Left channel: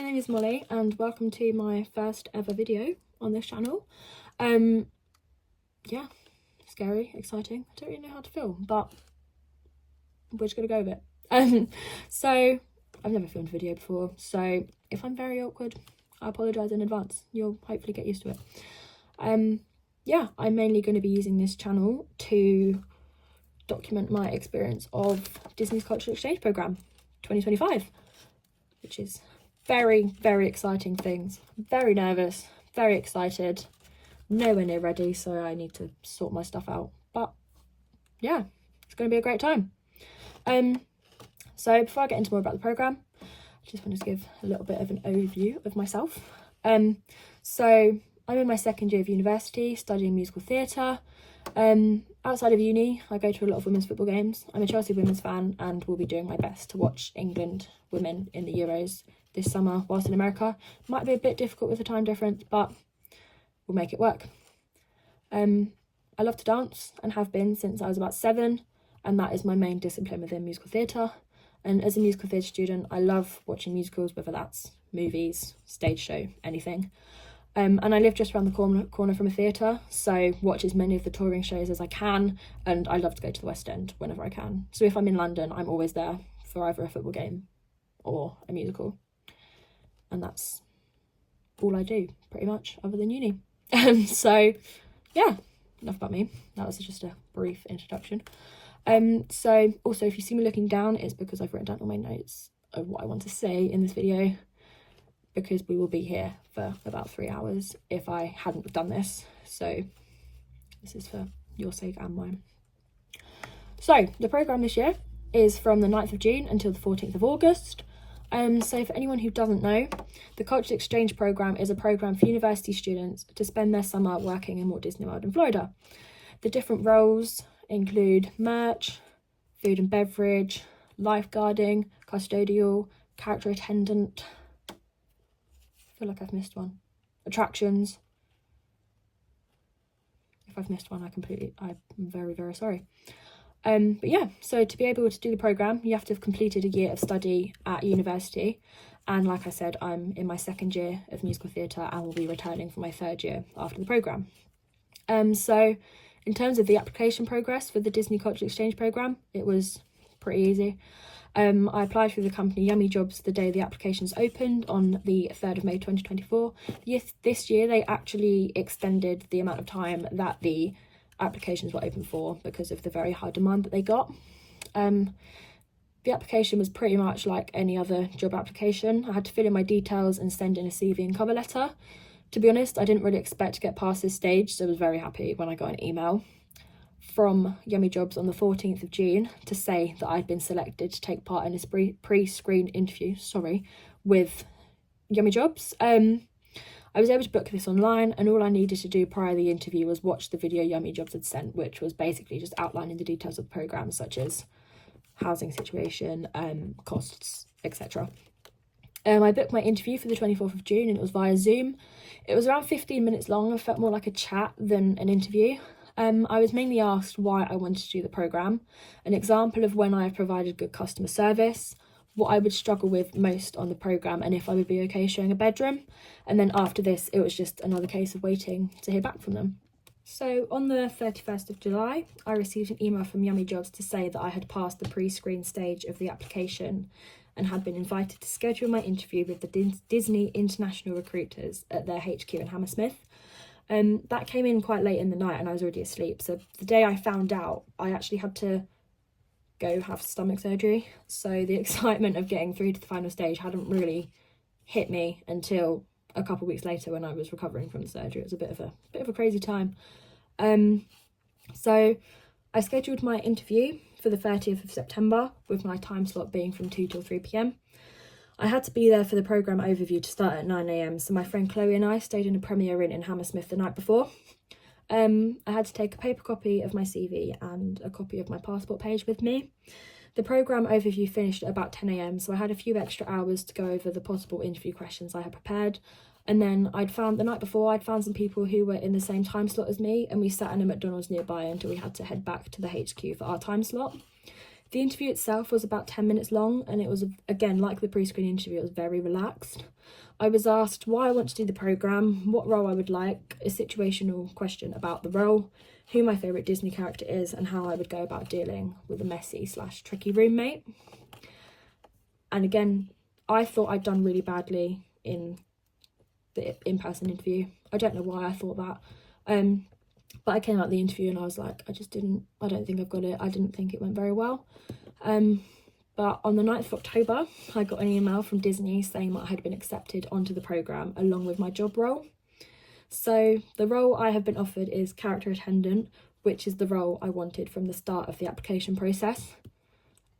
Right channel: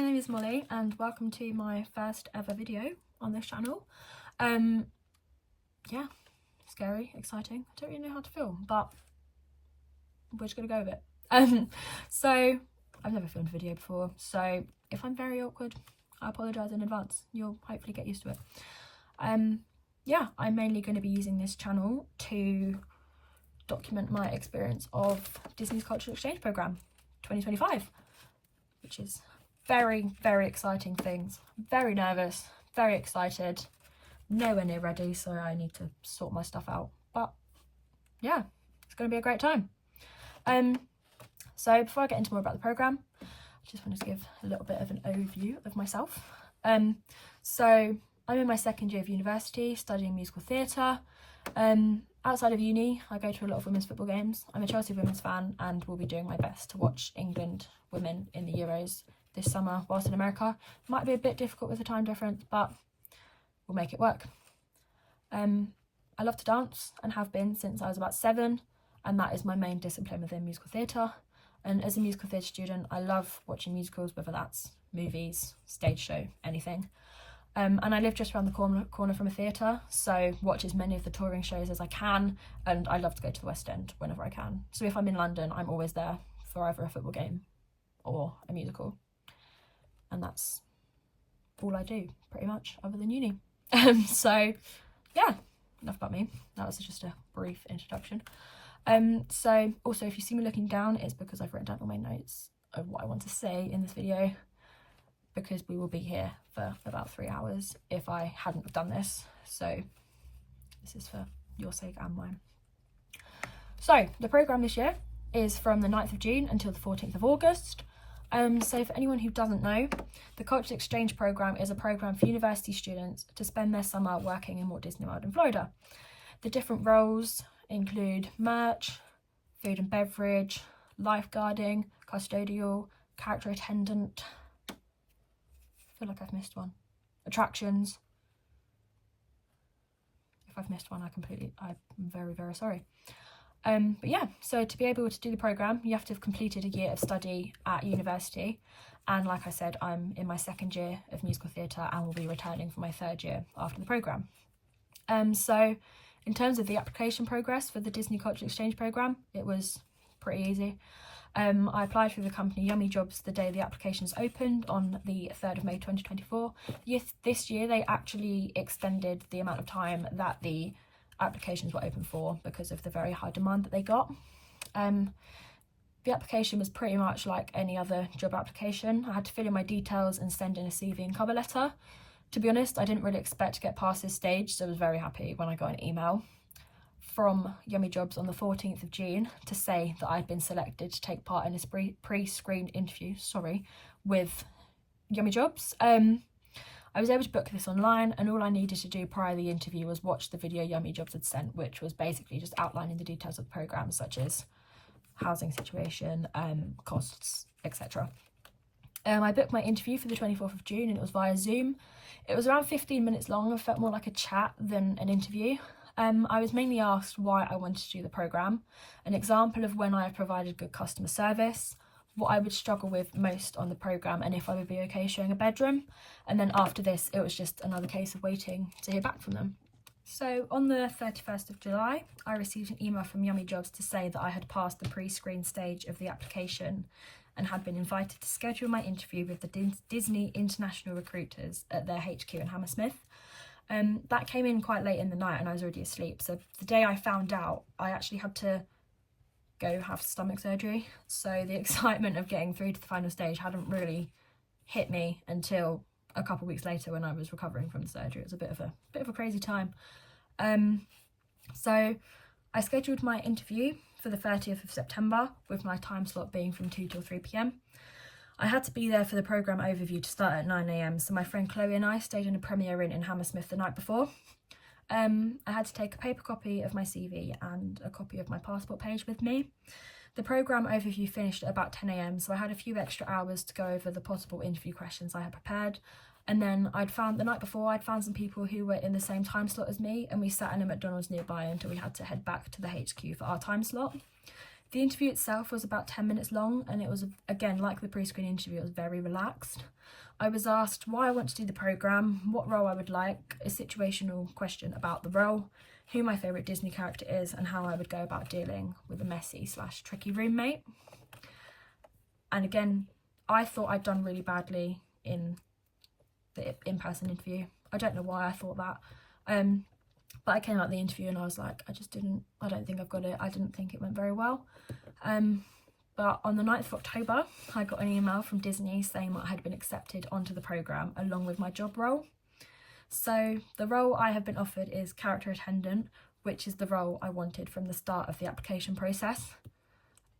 my name is Molly and welcome to my first ever video on this channel. Yeah, scary, exciting. I don't really know how to film, but we're just gonna go with it. So I've never filmed a video before, so if I'm very awkward, I apologise in advance. You'll hopefully get used to it. Yeah, I'm mainly going to be using this channel to document my experience of Disney's Cultural Exchange Programme 2025, which is very, very exciting things. Very nervous, very excited, nowhere near ready, so I need to sort my stuff out. But yeah, it's going to be a great time. So before I get into more about the programme, I just wanted to give a little bit of an overview of myself. So I'm in my second year of university studying musical theatre. Outside of uni, I go to a lot of women's football games. I'm a Chelsea women's fan and will be doing my best to watch England women in the Euros this summer whilst in America. Might be a bit difficult with the time difference, but we'll make it work. I love to dance and have been since I was about 7, and that is my main discipline within musical theatre. And as a musical theatre student, I love watching musicals, whether that's movies, stage show, anything. And I live just around the corner from a theatre, so watch as many of the touring shows as I can, and I love to go to the West End whenever I can. So if I'm in London, I'm always there for either a football game or a musical. And that's all I do, pretty much, other than uni. So yeah, enough about me. That was just a brief introduction. So also, if you see me looking down, it's because I've written down all my notes of what I want to say in this video, because we will be here for about 3 hours if I hadn't done this. So this is for your sake and mine. So the programme this year is from the 9th of June until the 14th of August. So for anyone who doesn't know, the Cultural Exchange Programme is a programme for university students to spend their summer working in Walt Disney World in Florida. The different roles include merch, food and beverage, lifeguarding, custodial, character attendant. I feel like I've missed one. Attractions. If I've missed one, I'm very, very sorry. But yeah, so to be able to do the programme, you have to have completed a year of study at university. And like I said, I'm in my second year of musical theatre and will be returning for my third year after the programme. So in terms of the application progress for the Disney Cultural Exchange Programme, it was pretty easy. I applied through the company Yummy Jobs the day the applications opened on the 3rd of May 2024. This year they actually extended the amount of time that the applications were open for because of the very high demand that they got. The application was pretty much like any other job application. I had to fill in my details and send in a CV and cover letter. To be honest, I didn't really expect to get past this stage, so I was very happy when I got an email from Yummy Jobs on the 14th of June to say that I'd been selected to take part in this pre-screen interview, with Yummy Jobs. I was able to book this online, and all I needed to do prior to the interview was watch the video Yummy Jobs had sent, which was basically just outlining the details of the programme, such as housing situation, costs, etc. I booked my interview for the 24th of June and it was via Zoom. It was around 15 minutes long and felt more like a chat than an interview. I was mainly asked why I wanted to do the programme, an example of when I have provided good customer service, what I would struggle with most on the programme, and if I would be okay showing a bedroom. And then after this, it was just another case of waiting to hear back from them. So on the 31st of July, I received an email from Yummy Jobs to say that I had passed the pre-screen stage of the application and had been invited to schedule my interview with the Disney International Recruiters at their HQ in Hammersmith. That came in quite late in the night and I was already asleep. So the day I found out, I actually had to go have stomach surgery. So the excitement of getting through to the final stage hadn't really hit me until a couple of weeks later when I was recovering from the surgery. It was a bit of a crazy time. So I scheduled my interview for the 30th of September with my time slot being from 2 till 3 p.m. I had to be there for the programme overview to start at 9 a.m, so my friend Chloe and I stayed in a Premier Inn in Hammersmith the night before. I had to take a paper copy of my CV and a copy of my passport page with me. The programme overview finished at about 10 a.m, so I had a few extra hours to go over the possible interview questions I had prepared. And then the night before, I'd found some people who were in the same time slot as me, and we sat in a McDonald's nearby until we had to head back to the HQ for our time slot. The interview itself was about 10 minutes long, and it was, again, like the pre-screen interview, it was very relaxed. I was asked why I want to do the programme, what role I would like, a situational question about the role, who my favourite Disney character is, and how I would go about dealing with a messy/tricky roommate. And again, I thought I'd done really badly in the in-person interview. I don't know why I thought that. But I came out the interview and I was like, I don't think I've got it. I didn't think it went very well. But on the 9th of October, I got an email from Disney saying that I had been accepted onto the programme along with my job role. So the role I have been offered is character attendant, which is the role I wanted from the start of the application process.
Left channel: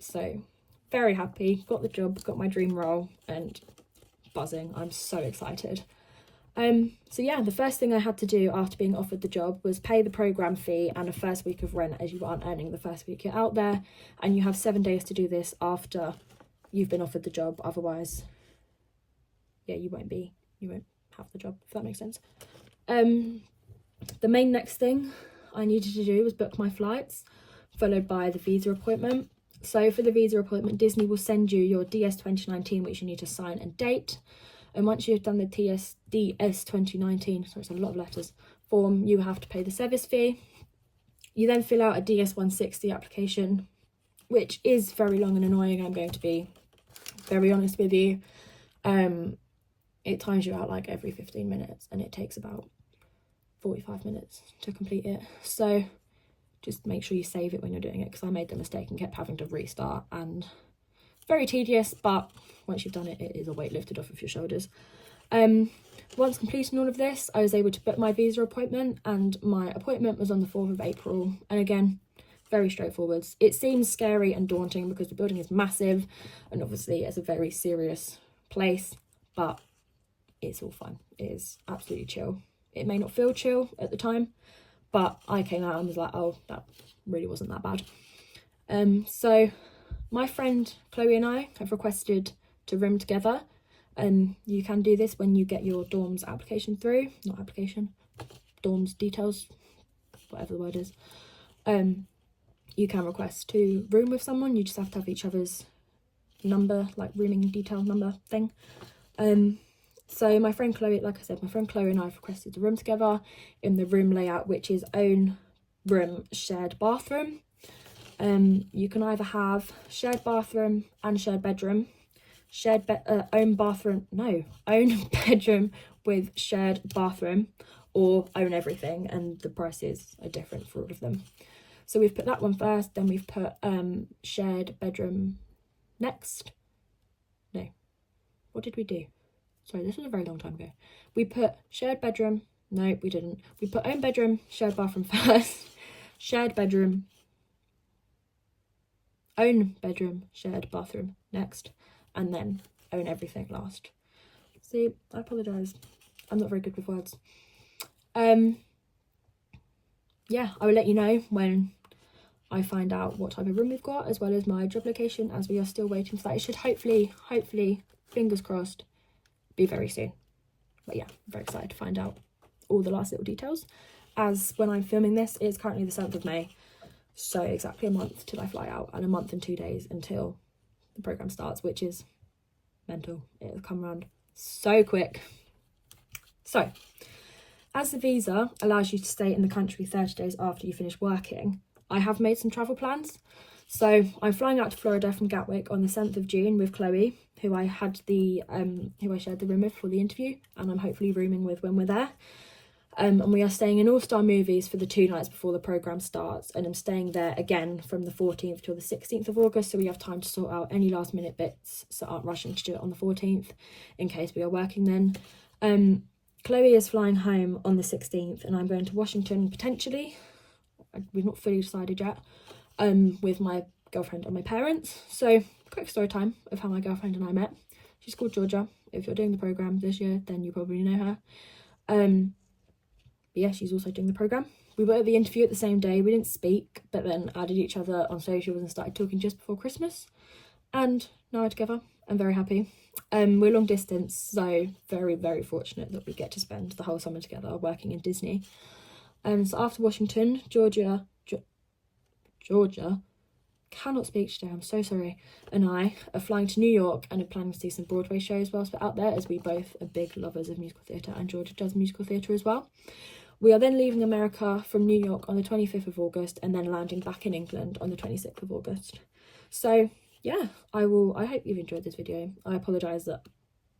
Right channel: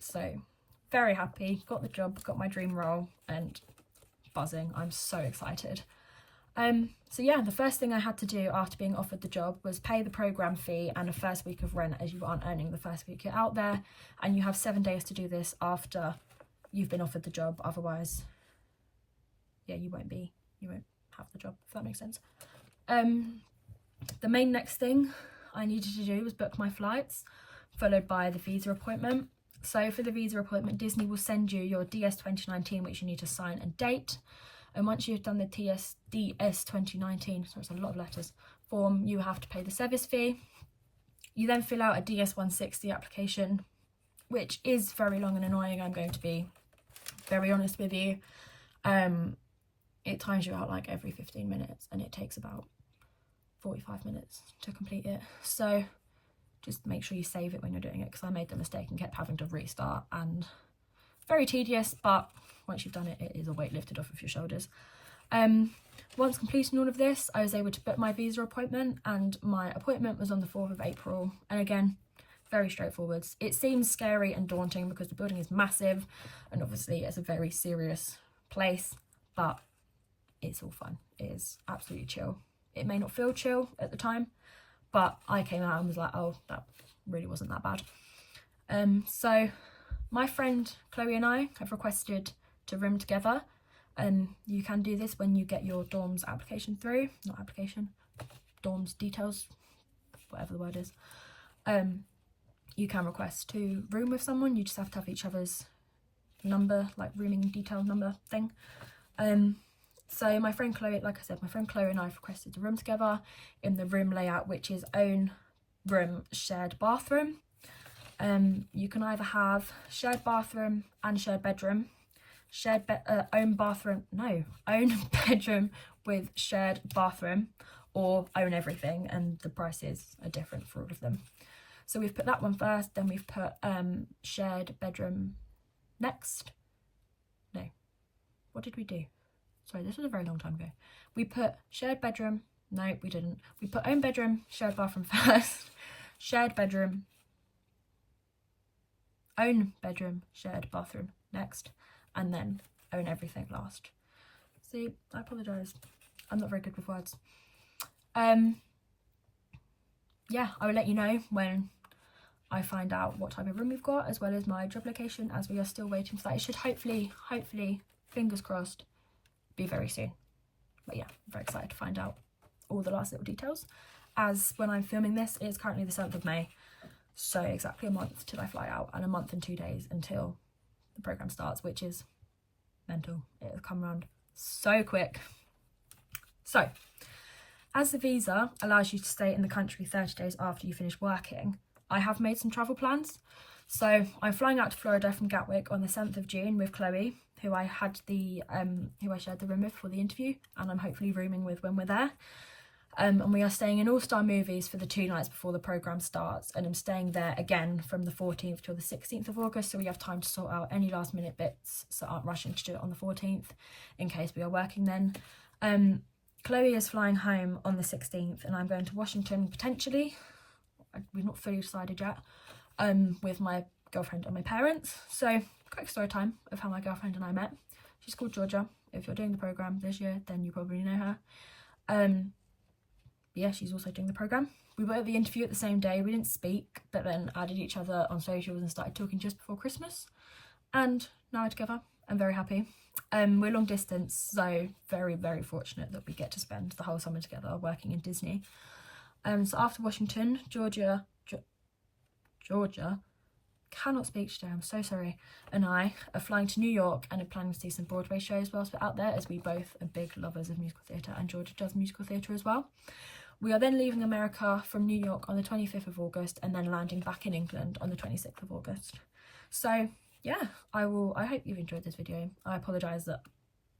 So very happy, got the job, got my dream role, and buzzing. I'm so excited. So yeah, the first thing I had to do after being offered the job was pay the programme fee and a first week of rent, as you aren't earning the first week you're out there, and you have 7 days to do this after you've been offered the job. Otherwise, yeah, you won't have the job, if that makes sense. The main next thing I needed to do was book my flights, followed by the visa appointment. So for the visa appointment, Disney will send you your DS 2019, which you need to sign and date. And once you've done the DS 2019, so it's a lot of letters, form, you have to pay the service fee. You then fill out a DS 160 application, which is very long and annoying. I'm going to be very honest with you. It times you out like every 15 minutes and it takes about 45 minutes to complete it. So just make sure you save it when you're doing it, because I made the mistake and kept having to restart, and very tedious, but once you've done it, it is a weight lifted off of your shoulders. Once completing all of this, I was able to book my visa appointment, and my appointment was on the 4th of April. And again, very straightforward. It seems scary and daunting because the building is massive and obviously it's a very serious place, but it's all fun. It is absolutely chill. It may not feel chill at the time, but I came out and was like, oh, that really wasn't that bad. So my friend Chloe and I have requested to room together. You can do this when you get your dorms application through, not application, dorms details, whatever the word is. You can request to room with someone. You just have to have each other's number, like rooming detail number thing. So my friend Chloe, like I said, my friend Chloe and I have requested to room together in the room layout, which is own room, shared bathroom. You can either have shared bathroom and shared bedroom, own bedroom with shared bathroom, or own everything, and the prices are different for all of them. So we've put that one first, then we've put shared bedroom next. No, what did we do? Sorry, this was a very long time ago. We put shared bedroom. No, we didn't. We put own bedroom, shared bathroom first. Shared bedroom. Own bedroom, shared bathroom next. And then own everything last. See, I apologise. I'm not very good with words. Yeah, I will let you know when I find out what type of room we've got, as well as my job location, as we are still waiting for that. It should hopefully, fingers crossed, be very soon. But yeah, I'm very excited to find out all the last little details, as when I'm filming this, it is currently the 7th of May, so exactly a month till I fly out, and a month and 2 days until the programme starts, which is mental. It has come around so quick. So, as the visa allows you to stay in the country 30 days after you finish working, I have made some travel plans. So I'm flying out to Florida from Gatwick on the 7th of June with Chloe, who I shared the room with for the interview, and I'm hopefully rooming with when we're there. And we are staying in All-Star Movies for the 2 nights before the programme starts, and I'm staying there again from the 14th till the 16th of August, so we have time to sort out any last minute bits, so aren't rushing to do it on the 14th in case we are working then. Chloe is flying home on the 16th, and I'm going to Washington potentially. We've not fully decided yet, with my girlfriend and my parents. So quick story time of how my girlfriend and I met. She's called Georgia. If you're doing the programme this year, then you probably know her. But yeah, she's also doing the programme. We were at the interview at the same day. We didn't speak, but then added each other on socials and started talking just before Christmas. And now we're together. I'm very happy. We're long distance, so very, very fortunate that we get to spend the whole summer together working in Disney. So after Washington, Georgia cannot speak today, I'm so sorry, and I are flying to New York and are planning to see some Broadway shows whilst we're out there, as we both are big lovers of musical theatre, and Georgia does musical theatre as well. We are then leaving America from New York on the 25th of August and then landing back in England on the 26th of August. So yeah, I hope you've enjoyed this video. I apologise that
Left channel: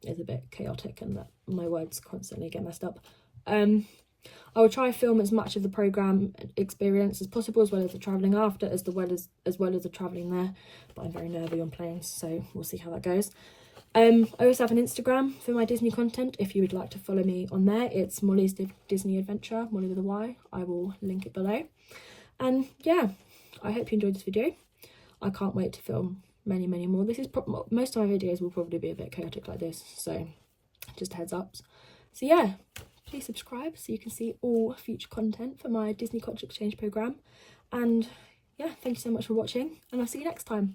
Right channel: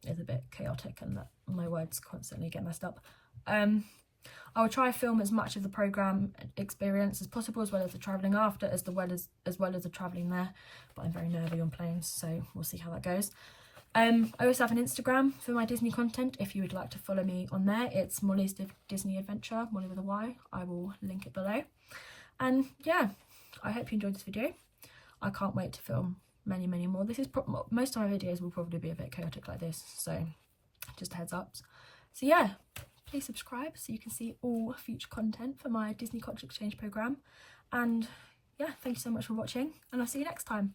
it's a bit chaotic and that my words constantly get messed up. I will try to film as much of the programme experience as possible, as well as the travelling after, as well as the travelling there, but I'm very nervy on planes, so we'll see how that goes. I also have an Instagram for my Disney content if you would like to follow me on there. It's Molly's Disney Adventure, Molly with a Y. I will link it below. And yeah, I hope you enjoyed this video. I can't wait to film many more. This is most of my videos will probably be a bit chaotic like this, so just a heads up. So yeah, please subscribe so you can see all future content for my Disney Culture Exchange programme. And yeah, thank you so much for watching, and I'll see you next time.